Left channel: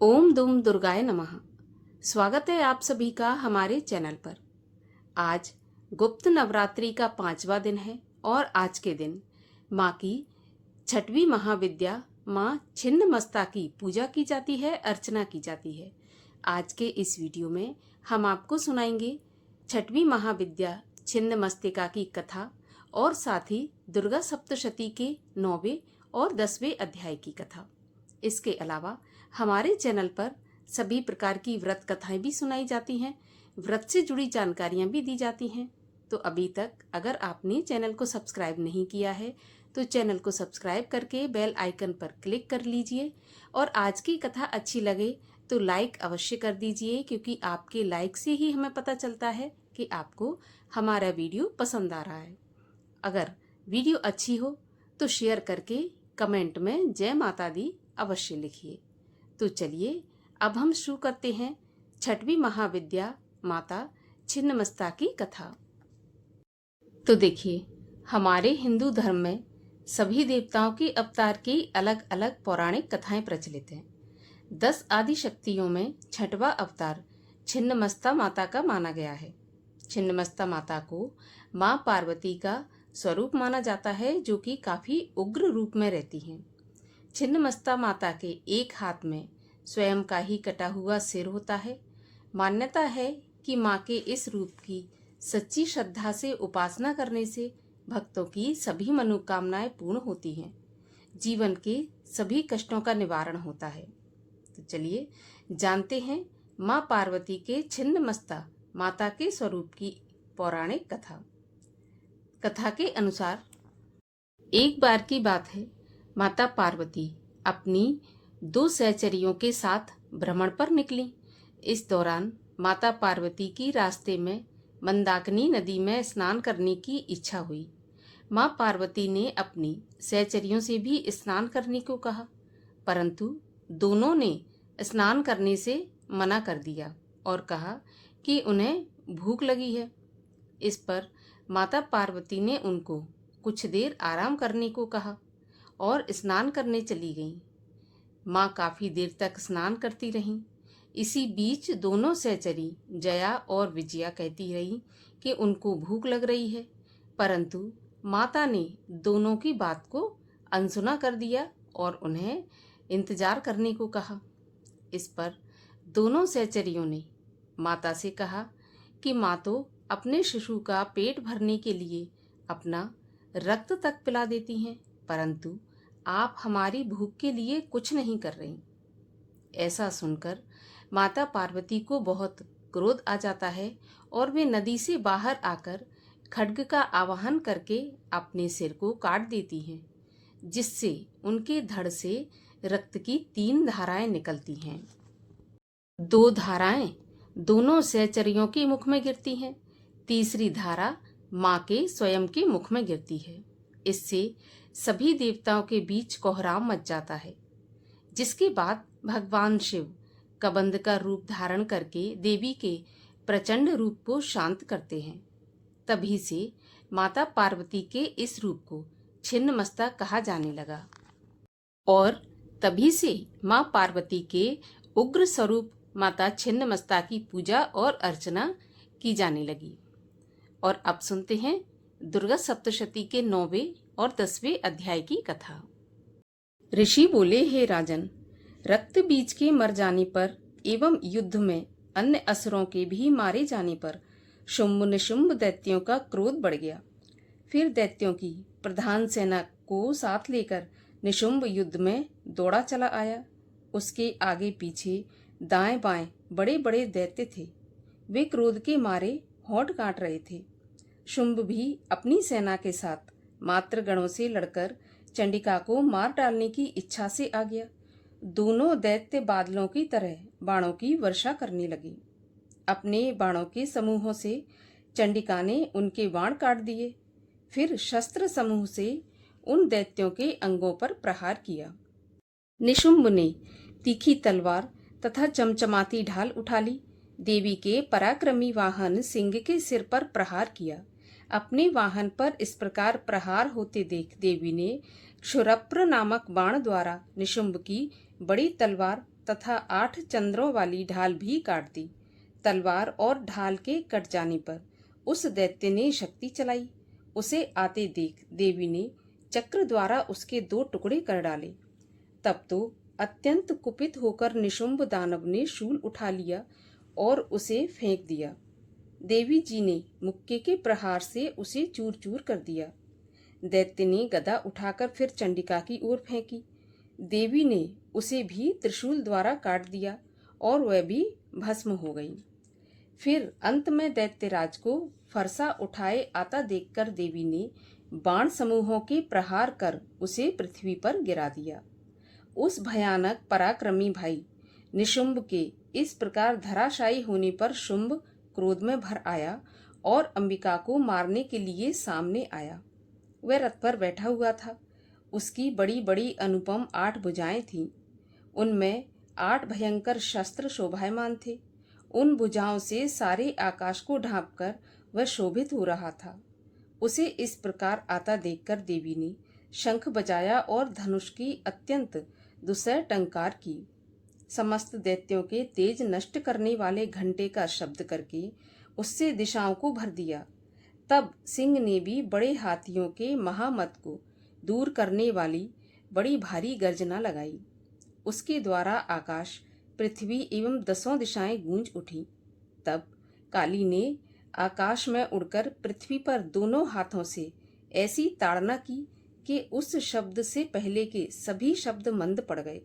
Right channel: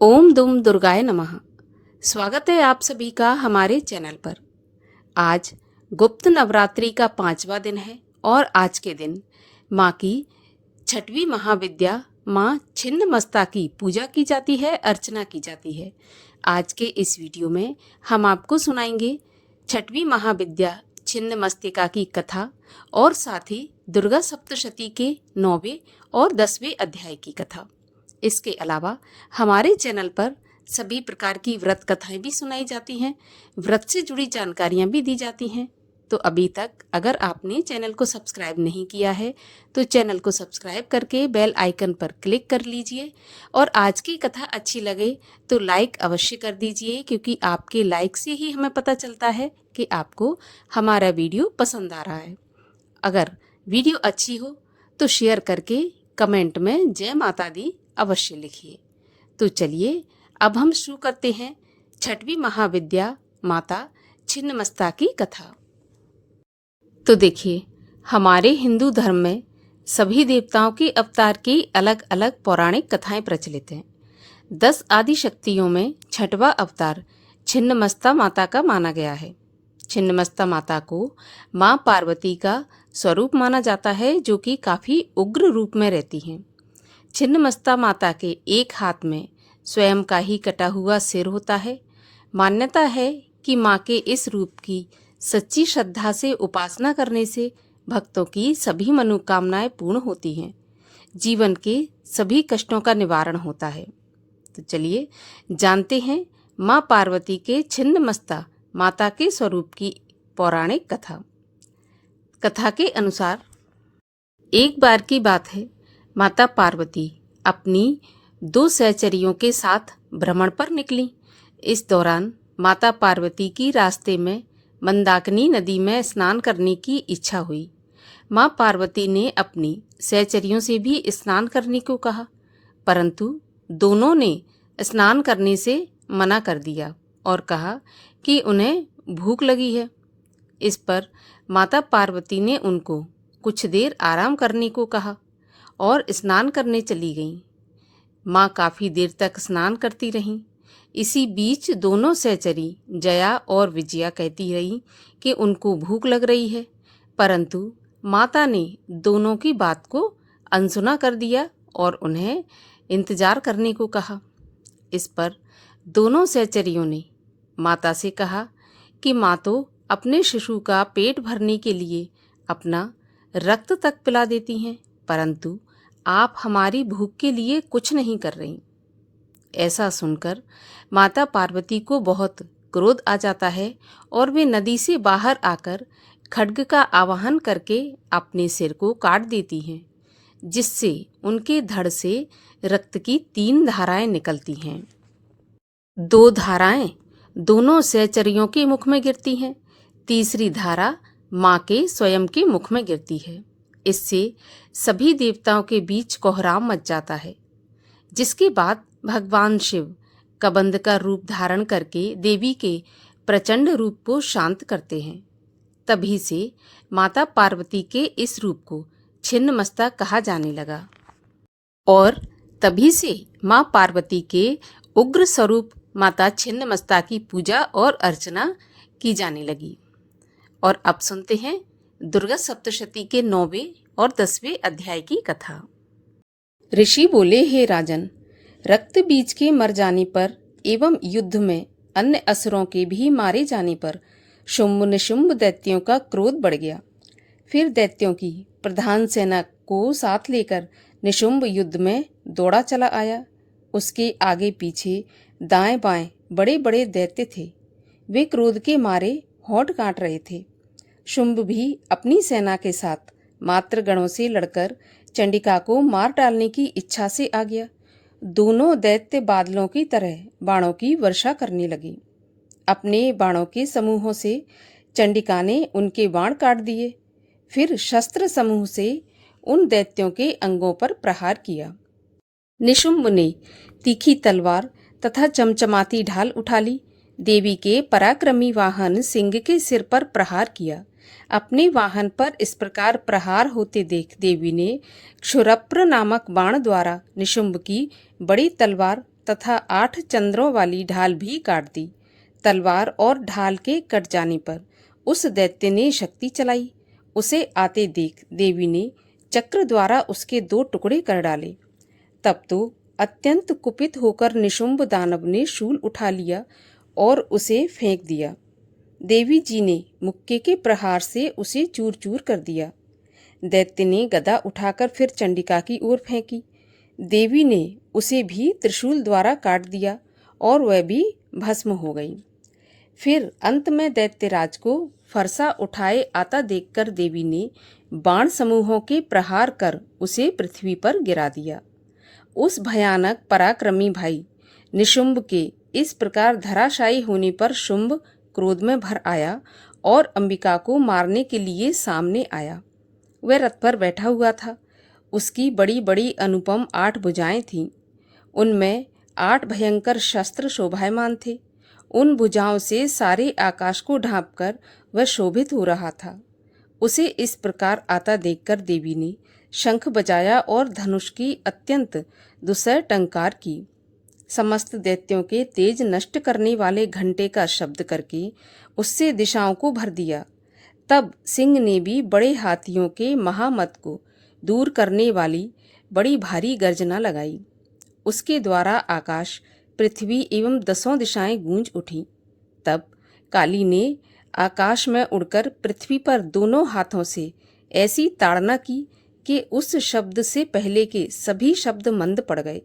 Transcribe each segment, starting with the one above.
ओम दुम दुर्गाय नमः। स्वागत है आप सभी का हमारे चैनल पर। आज गुप्त नवरात्रि का 5वां दिन है और आज के दिन माँ की छठवीं महाविद्या माँ छिन्नमस्ता की पूजा की जाती है, अर्चना की जाती है। आज के इस वीडियो में हम आपको सुनाएंगे छठवीं महाविद्या छिन्नमस्तिका की कथा और साथ ही दुर्गा सप्तशती के 9वें और 10वें अध्याय की कथा। इसके अलावा हमारे चैनल पर सभी प्रकार की व्रत कथाएं भी सुनाई जाती हैं, व्रत से जुड़ी जानकारियां भी दी जाती हैं। तो अभी तक अगर आपने चैनल को सब्सक्राइब नहीं किया है तो चैनल को सब्सक्राइब करके बेल आइकन पर क्लिक कर लीजिए और आज की कथा अच्छी लगे तो लाइक अवश्य कर दीजिए, क्योंकि आपके लाइक से ही हमें पता चलता है कि आपको हमारा वीडियो पसंद आ रहा है। अगर वीडियो अच्छी हो तो शेयर करके कमेंट में जय माता दी अवश्य लिखिए। तो चलिए अब हम शुरू करते हैं छठवीं महाविद्या माता छिन्नमस्ता की कथा। तो देखिए, हमारे हिंदू धर्म में सभी देवताओं के अवतार की अलग अलग पौराणिक कथाएं प्रचलित हैं। 10 आदि शक्तियों में छठवां अवतार छिन्नमस्ता माता का माना गया है। छिन्नमस्ता माता को माँ पार्वती का स्वरूप माना जाता है, जो कि काफी उग्र रूप में रहती हैं। छिन्नमस्ता माता के एक हाथ में स्वयं का ही कटा हुआ सिर होता है। मान्यता है कि माँ के इस रूप की सच्ची श्रद्धा से उपासना करने से भक्तों की सभी मनोकामनाएं पूर्ण होती हैं, जीवन के सभी कष्टों का निवारण होता है। तो चलिए जानते हैं माँ पार्वती के छिन्नमस्ता माता के स्वरूप की पौराणिक कथा। कथा के अनुसार एक बार की बात है, माता पार्वती अपनी 2 सहचरियों के साथ भ्रमण पर निकली। इस दौरान माता पार्वती की रास्ते में मंदाकिनी नदी में स्नान करने की इच्छा हुई। माँ पार्वती ने अपनी सहचरियों से भी स्नान करने को कहा, परंतु दोनों ने स्नान करने से मना कर दिया और कहा कि उन्हें भूख लगी है। इस पर माता पार्वती ने उनको कुछ देर आराम करने को कहा और स्नान करने चली गईं। माँ काफी देर तक स्नान करती रहीं। इसी बीच दोनों सहचरी जया और विजया कहती रहीं कि उनको भूख लग रही है, परंतु माता ने दोनों की बात को अनसुना कर दिया और उन्हें इंतजार करने को कहा। इस पर दोनों सहचरियों ने माता से कहा कि माँ तो अपने शिशु का पेट भरने के लिए अपना रक्त तक पिला देती हैं, परंतु आप हमारी भूख के लिए कुछ नहीं कर रही। ऐसा सुनकर माता पार्वती को बहुत क्रोध आ जाता है और वे नदी से बाहर आकर खड्ग का आवाहन करके अपने सिर को काट देती हैं, जिससे उनके धड़ से रक्त की 3 धाराएं निकलती हैं। 2 धाराएं दोनों सहचरियों के मुख में गिरती हैं, तीसरी धारा माँ के स्वयं के मुख में गिरती है। इससे सभी देवताओं के बीच कोहराम मच जाता है, जिसके बाद भगवान शिव कबंध का रूप धारण करके देवी के प्रचंड रूप को शांत करते हैं। तभी से माता पार्वती के इस रूप को छिन्नमस्ता कहा जाने लगा और तभी से माँ पार्वती के उग्र स्वरूप माता छिन्नमस्ता की पूजा और अर्चना की जाने लगी। और अब सुनते हैं दुर्गा सप्तशती के 9वें और 10वें अध्याय की कथा। ऋषि बोले, हे राजन, रक्त बीज के मर जाने पर एवं युद्ध में अन्य असुरों के भी मारे जाने पर शुंभ निशुंभ दैत्यों का क्रोध बढ़ गया। फिर दैत्यों की प्रधान सेना को साथ लेकर निशुंभ युद्ध में दौड़ा चला आया। उसके आगे पीछे दाएं बाएं बड़े बड़े दैत्य थे। वे क्रोध के मारे होंठ काट रहे थे। शुंभ भी अपनी सेना के साथ मात्र गणों से लड़कर चंडिका को मार डालने की इच्छा से आ गया। दोनों दैत्य बादलों की तरह बाणों की वर्षा करने लगे। अपने बाणों के समूहों से चंडिका ने उनके बाण काट दिए। फिर शस्त्र समूह से उन दैत्यों के अंगों पर प्रहार किया। निशुंभ ने तीखी तलवार तथा चमचमाती ढाल उठा ली। देवी के पराक्रमी वाहन सिंह के सिर पर प्रहार किया। अपने वाहन पर इस प्रकार प्रहार होते देख देवी ने क्षुरप्र नामक बाण द्वारा निशुंभ की बड़ी तलवार तथा 8 चंद्रों वाली ढाल भी काट दी। तलवार और ढाल के कट जाने पर उस दैत्य ने शक्ति चलाई। उसे आते देख देवी ने चक्र द्वारा उसके 2 टुकड़े कर डाले। तब तो अत्यंत कुपित होकर निशुंभ दानव ने शूल उठा लिया और उसे फेंक दिया। देवी जी ने मुक्के के प्रहार से उसे चूर चूर कर दिया। दैत्य ने गदा उठाकर फिर चंडिका की ओर फेंकी। देवी ने उसे भी त्रिशूल द्वारा काट दिया और वह भी भस्म हो गई। फिर अंत में दैत्यराज को फरसा उठाए आता देखकर देवी ने बाण समूहों के प्रहार कर उसे पृथ्वी पर गिरा दिया। उस भयानक पराक्रमी भाई निशुंभ के इस प्रकार धराशायी होने पर शुंभ क्रोध में भर आया और अंबिका को मारने के लिए सामने आया। वह रथ पर बैठा हुआ था। उसकी बड़ी बड़ी अनुपम 8 भुजाएं थीं। उनमें 8 भयंकर शस्त्र शोभायमान थे। उन भुजाओं से सारे आकाश को ढांपकर वह शोभित हो रहा था। उसे इस प्रकार आता देखकर देवी ने शंख बजाया और धनुष की अत्यंत दुस्सह टंकार की। समस्त दैत्यों के तेज नष्ट करने वाले घंटे का शब्द करके उससे दिशाओं को भर दिया। तब सिंह ने भी बड़े हाथियों के महामत को दूर करने वाली बड़ी भारी गर्जना लगाई। उसके द्वारा आकाश, पृथ्वी एवं 10 दिशाएं गूंज उठी। तब काली ने आकाश में उड़कर पृथ्वी पर दोनों हाथों से ऐसी ताड़ना की कि उस शब्द से पहले के सभी शब्द मंद पड़ गए।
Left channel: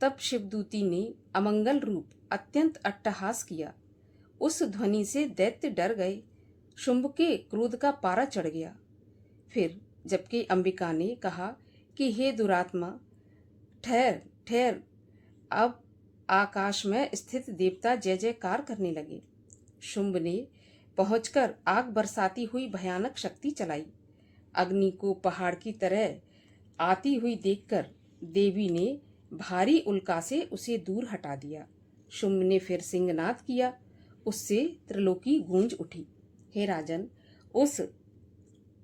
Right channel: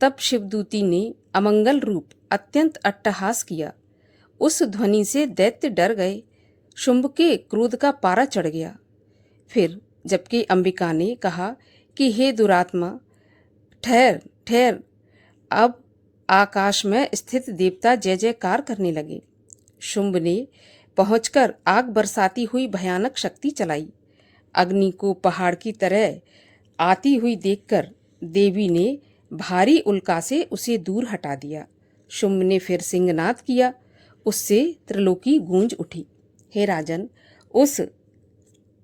तब शिवदूती ने अमंगल रूप अत्यंत अट्टहास किया। उस ध्वनि से दैत्य डर गए। शुंभ के क्रोध का पारा चढ़ गया। फिर जबकि अंबिका ने कहा कि हे दुरात्मा, ठहर ठहर। अब आकाश में स्थित देवता जय जयकार करने लगे। शुंभ ने पहुंचकर आग बरसाती हुई भयानक शक्ति चलाई। अग्नि को पहाड़ की तरह आती हुई देखकर देवी ने भारी उल्का से उसे दूर हटा दिया। शुंभ ने फिर सिंहनाद किया। उससे त्रिलोकी गूंज उठी। हे राजन, उस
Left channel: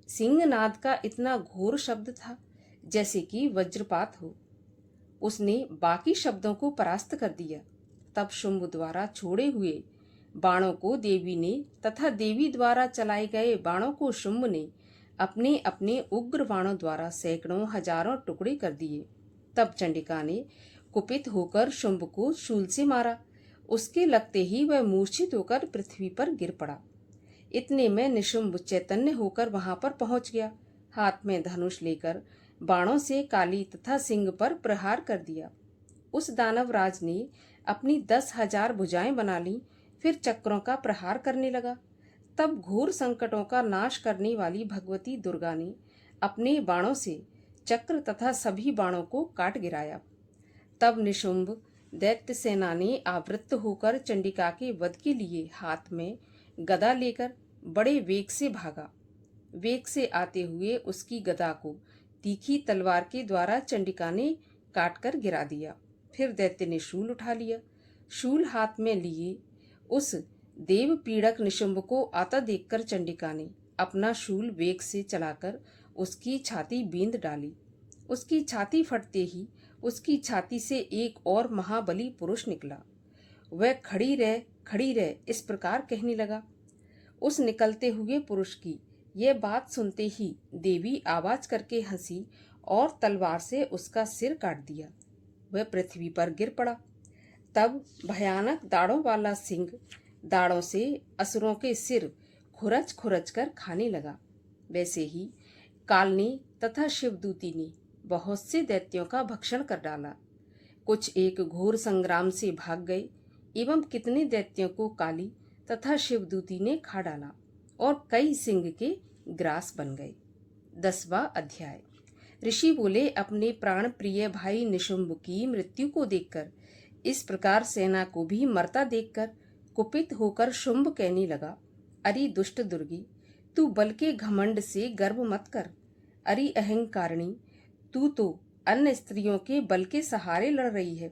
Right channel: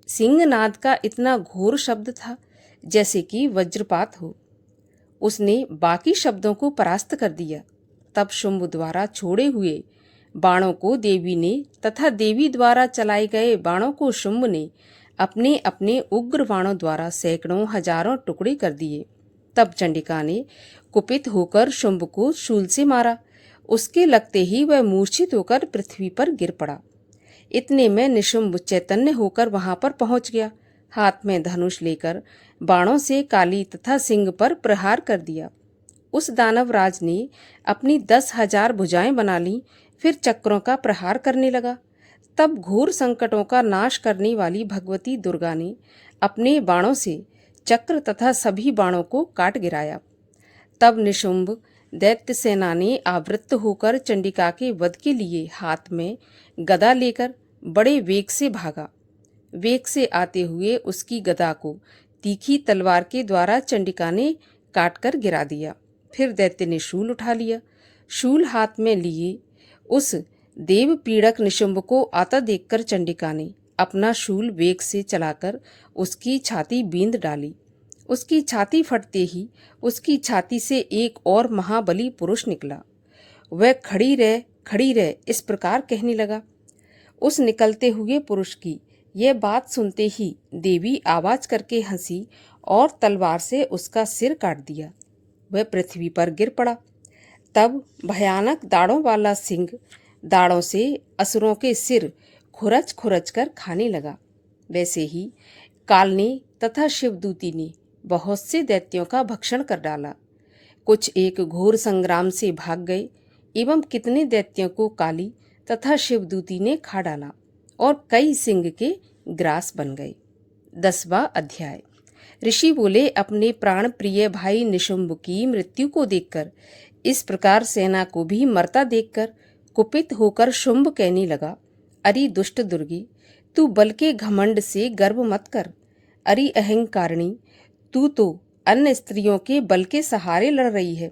सिंहनाद का इतना घोर शब्द था जैसे कि वज्रपात हो। उसने बाकी शब्दों को परास्त कर दिया। तब शुंभ द्वारा छोड़े हुए बाणों को देवी ने तथा देवी द्वारा चलाए गए बाणों को शुंभ ने अपने अपने उग्र बाणों द्वारा सैकड़ों हजारों टुकड़े कर दिए। तब चंडिका ने कुपित होकर शुंभ को शूल से मारा। उसके लगते ही वह मूर्छित होकर पृथ्वी पर गिर पड़ा। इतने में निशुंभ चैतन्य होकर वहां पर पहुंच गया। हाथ में धनुष लेकर बाणों से काली तथा सिंह पर प्रहार कर दिया। उस दानवराज ने अपनी 10,000 भुजाएं बना ली। फिर चक्रों का प्रहार करने लगा। तब घोर संकटों का नाश करने वाली भगवती दुर्गा ने अपने बाणों से चक्र तथा सभी बाणों को काट गिराया। तब निशुंभ दैत्य सेना ने आवृत्त होकर चंडिका के वध के लिए हाथ में गदा लेकर बड़े वेग से भागा। वेग से आते हुए उसकी गदा को तीखी तलवार के द्वारा चंडिका ने काटकर गिरा दिया। फिर दैत्य ने शूल उठा लिया। शूल हाथ में लिए उस देव पीड़क निशुंभ को आता देखकर चंडिका ने अपना शूल वेग से चलाकर उसकी छाती बींध डाली। उसकी छाती फटते ही उसकी छाती से एक और महाबली पुरुष निकला। वह खड़ी रह इस प्रकार कहने लगा। उस निकलते हुए पुरुष की यह बात सुनते ही देवी आवाज करके हंसी और तलवार से उसका सिर काट दिया। वह पृथ्वी पर गिर पड़ा। तब भयानक दाढ़ों वाला सिंह दाढ़ों से असुरों के सिर खुरच खुरच कर खाने लगा। वैसे ही काल ने तथा शिवदूती ने बहुत से दैत्यों का भक्षण कर डाला। कुछ एक घोर संग्राम से भाग गए एवं कितने दैत्यों को काली तथा शिवदूती ने खा डाला और कई सिंह के ग्रास बन गए। 10वां अध्याय। ऋषि बोले, अपने प्राण प्रिय भाई निशुंभ की मृत्यु को देखकर, इस प्रकार सेना को भी मरता देखकर कुपित होकर शुंभ कहने लगा, अरे दुष्ट दुर्गी, तू बल के घमंड से गर्व मत कर। अरे अहंकारिणी, तू तो अन्य स्त्रियों के बल के सहारे लड़ रही है।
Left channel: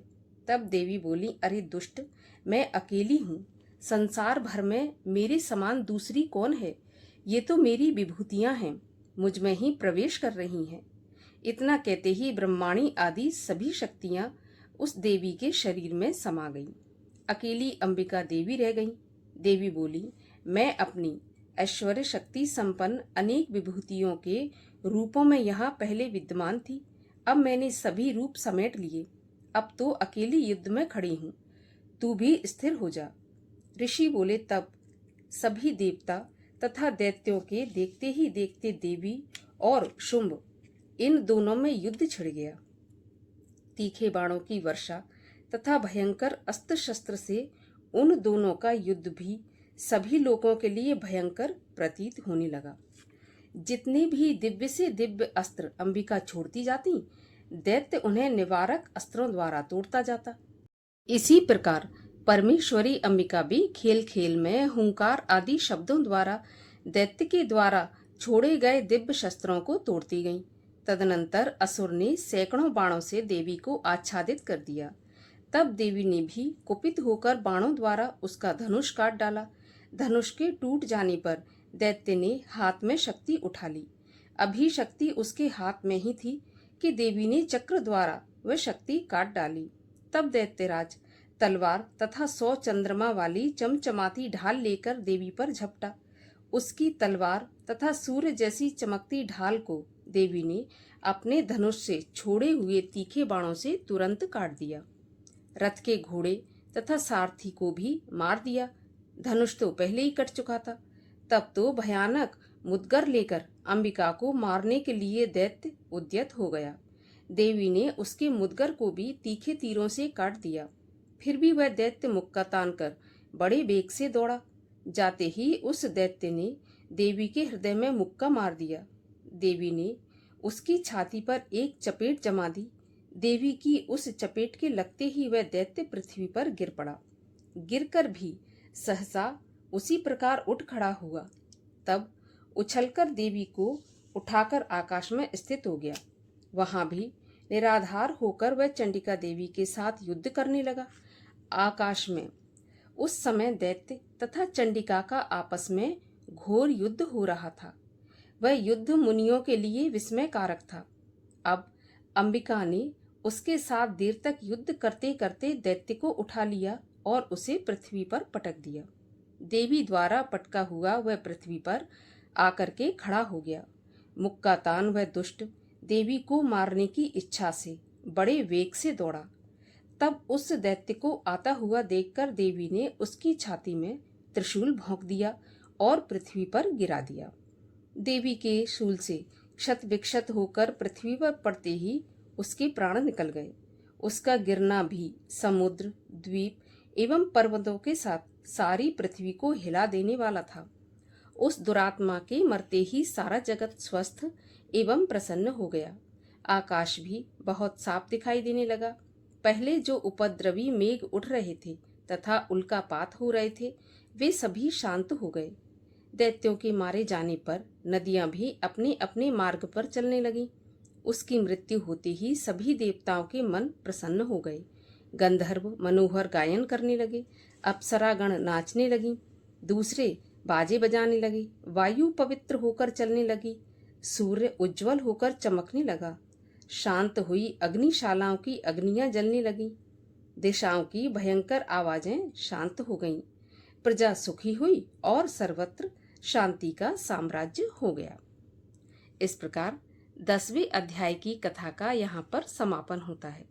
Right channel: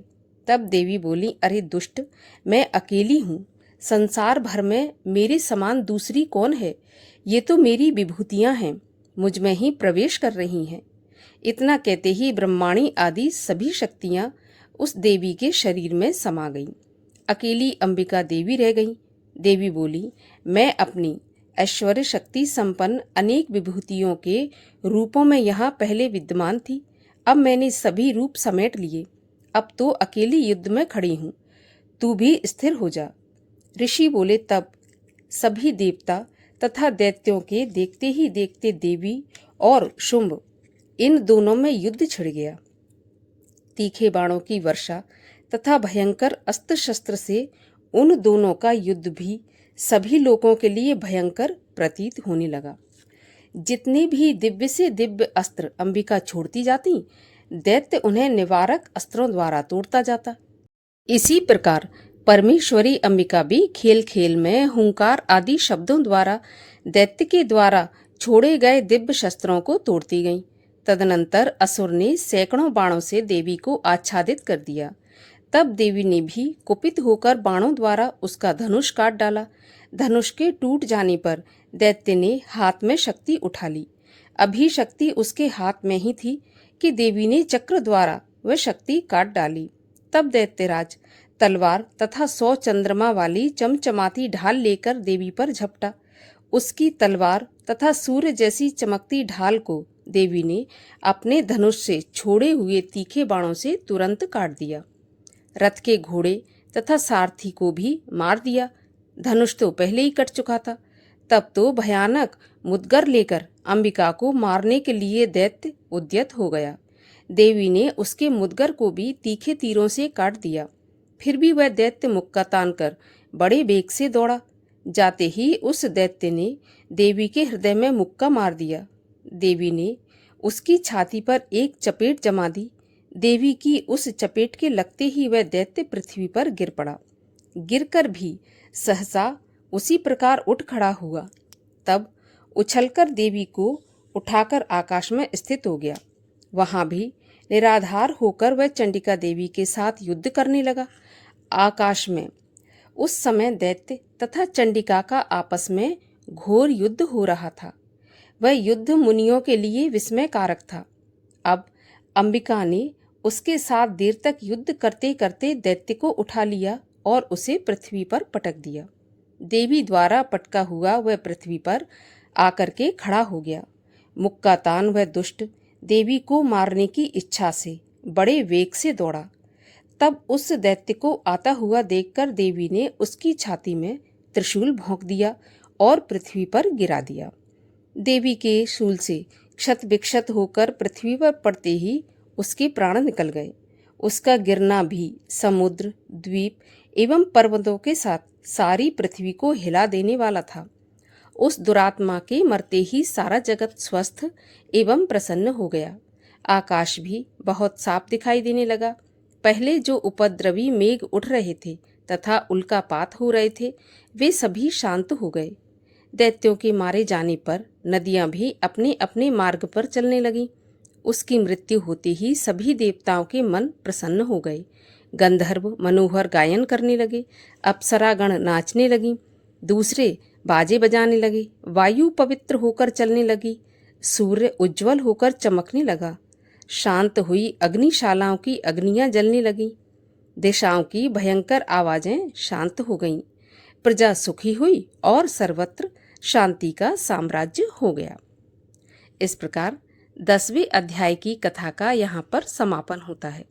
तब देवी बोली, अरे दुष्ट, मैं अकेली हूँ। संसार भर में मेरे समान दूसरी कौन है? ये तो मेरी विभूतियाँ हैं, मुझ में ही प्रवेश कर रही हैं। इतना कहते ही ब्रह्माणी आदि सभी शक्तियाँ उस देवी के शरीर में समा गई। अकेली अंबिका देवी रह गई। देवी बोली, मैं अपनी ऐश्वर्य शक्ति संपन्न अनेक विभूतियों के रूपों में यहाँ पहले विद्यमान थी। अब मैंने सभी रूप समेट लिए। अब तो अकेली युद्ध में खड़ी हूँ, तू भी स्थिर हो जा। ऋषि बोले। तब सभी देवता तथा दैत्यों के देखते ही देखते देवी और शुंभ इन दोनों में युद्ध छिड़ गया। तीखे बाणों की वर्षा तथा भयंकर अस्त्र शस्त्र से उन दोनों का युद्ध भी सभी लोगों के लिए भयंकर प्रतीत होने लगा। जितने भी दिव्य से दिव्य अस्त्र अंबिका छोड़ती जाती, दैत्य उन्हें निवारक अस्त्रों द्वारा तोड़ता जाता। इसी प्रकार परमेश्वरी अंबिका भी खेल खेल में हुंकार आदि शब्दों द्वारा दैत्य के द्वारा छोड़े गए दिव्य शस्त्रों को तोड़ती गईं। तदनंतर असुर ने सैकड़ों बाणों से देवी को आच्छादित कर दिया। तब देवी ने भी कुपित होकर बाणों द्वारा उसका धनुष काट डाला। धनुष के टूट जाने पर दैत्य ने हाथ में शक्ति उठा ली। अभी शक्ति उसके हाथ में ही थी कि देवी ने चक्र द्वारा वह शक्ति काट डाली। तब दैत्यराज तलवार तथा 100 चंद्रमा वाली चमचमाती ढाल लेकर देवी पर झपटा। उसकी तलवार तथा सूर्य जैसी चमकती ढाल को देवी ने अपने धनुष से छोड़े हुए तीखे बाणों से तुरंत काट दिया। रथ के घोड़े तथा सारथी को भी मार दिया। धनुष तो पहले ही कट चुका था। तब तो भयानक मुदगर लेकर अंबिका को मारने के लिए दैत्य उद्यत हो गया। देवी ने उसके मुदगर को भी तीखे तीरों से काट दिया। फिर भी वह दैत्य मुक्का तानकर बड़े वेग से दौड़ा। जाते ही उस दैत्य ने देवी के हृदय में मुक्का मार दिया। देवी ने उसकी छाती पर एक चपेट जमा दी। देवी की उस चपेट के लगते ही वह दैत्य पृथ्वी पर गिर पड़ा। गिरकर भी सहसा उसी प्रकार उठ खड़ा हुआ। तब उछलकर देवी को उठाकर आकाश में स्थित हो गया। वहां भी निराधार होकर वह चंडिका देवी के साथ युद्ध करने लगा। आकाश में उस समय दैत्य तथा चंडिका का आपस में घोर युद्ध हो रहा था। वह युद्ध मुनियों के लिए विस्मय कारक था। अब अंबिका ने उसके साथ देर तक युद्ध करते करते दैत्य को उठा लिया और उसे पृथ्वी पर पटक दिया। देवी द्वारा पटका हुआ वह पृथ्वी पर आकर के खड़ा हो गया। मुक्का तान वह दुष्ट देवी को मारने की इच्छा से बड़े वेग से दौड़ा। तब उस दैत्य को आता हुआ देखकर देवी ने उसकी छाती में त्रिशूल भोंक दिया और पृथ्वी पर गिरा दिया। देवी के शूल से क्षत विक्षत होकर पृथ्वी पर पड़ते ही उसके प्राण निकल गए। उसका गिरना भी समुद्र, द्वीप एवं पर्वतों के साथ सारी पृथ्वी को हिला देने वाला था। उस दुरात्मा के मरते ही सारा जगत स्वस्थ एवं प्रसन्न हो गया। आकाश भी बहुत साफ दिखाई देने लगा। पहले जो उपद्रवी मेघ उठ रहे थे तथा उल्कापात हो रहे थे, वे सभी शांत हो गए। दैत्यों के मारे जाने पर नदियां भी अपने अपने मार्ग पर चलने लगीं। उसकी मृत्यु होते ही सभी देवताओं के मन प्रसन्न हो गए। गंधर्व मनोहर गायन करने लगे, अप्सरागण नाचने लगीं, दूसरे बाजे बजाने लगे, वायु पवित्र होकर चलने लगी, सूर्य उज्जवल होकर चमकने लगा, शांत हुई अग्निशालाओं की अग्नियां जलने लगीं, दिशाओं की भयंकर आवाजें शांत हो गईं, प्रजा सुखी हुई और सर्वत्र शांति का साम्राज्य हो गया। इस प्रकार 10वें अध्याय की कथा का यहाँ पर समापन होता है।